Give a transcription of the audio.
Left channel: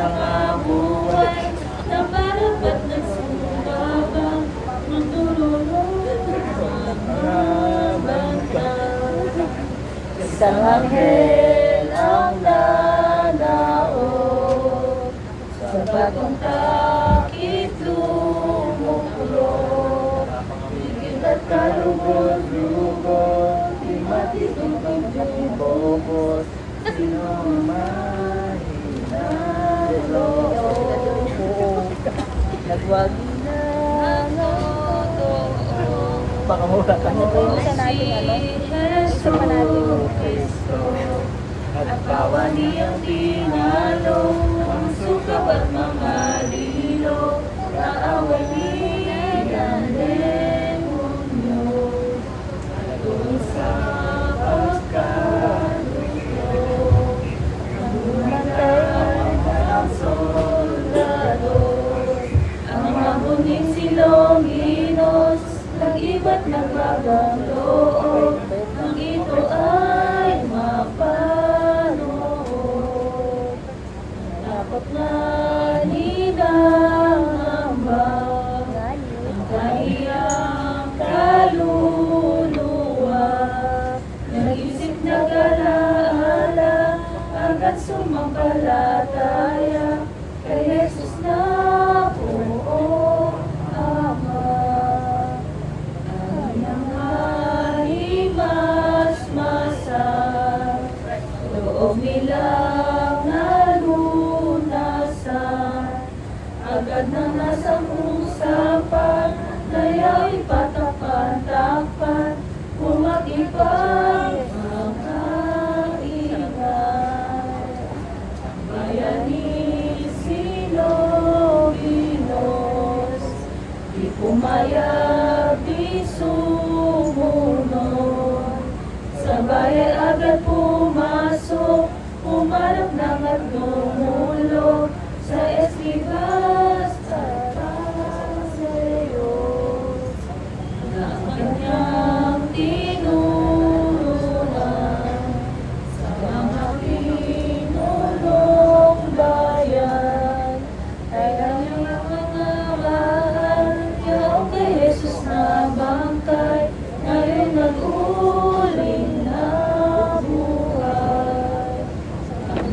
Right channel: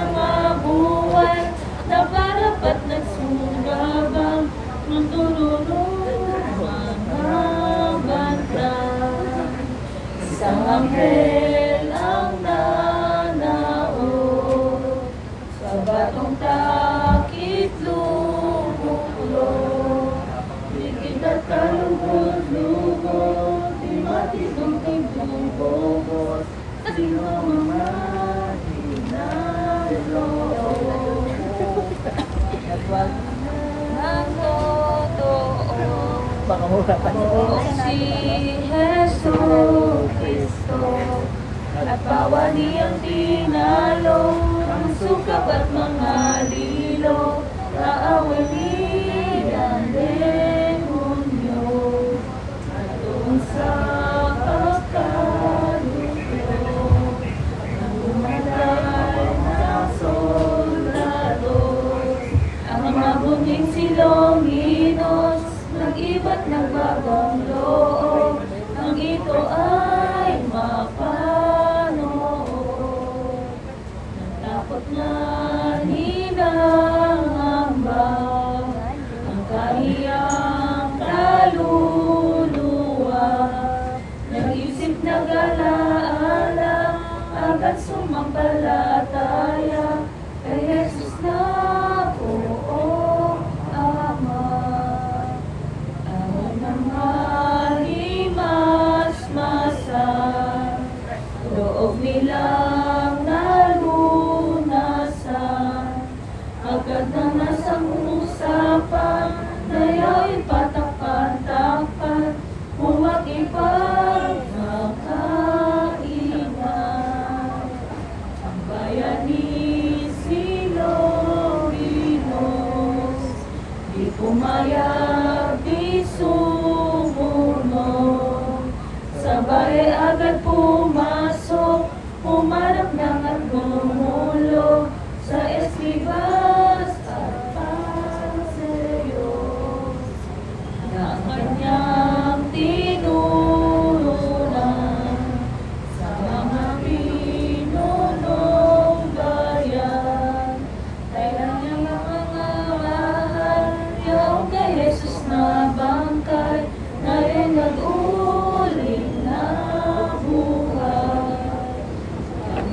mga buhay na palapat at sumugabang ng tululong mga bantay. Isang anghel ang nanaon sa batong takip lumukulong. Ikit at kalugod-lugod, di matitubig ng bobot, sino mahinalo. Nagwag na baka mura si Jesu Cristo at bawal niyang tinalo ang sukab at mga lilo, kaaway niyang demonyo at doon sa pagkaluyo umangkay ng soldado. Ang mabuting silong Inos nag-iba't nagbagong loob, ang ito ay mapanood. Takot na hinangamba ang kaniyang kaluluwa, nag-isip nag-alaala, agad sumampalataya kay Jesus na buong Ama. Ang mga himas-masan, loob nilang nalunasan, agad na nasa usapan, daya'y patapan-tapan, umakipag magkainan. Ang bayan ni Siloginos, di pumayag, di sumunod, sa bayan agad pumasok, umarap ng at bumulog, sa Escribas at Fariseos. Ang kanyang tinurunan sa mga pinunong bayan ay kanyang nakamahal, yung kay Jesus na bangkay, ngayon nag-uling na buhay. Ang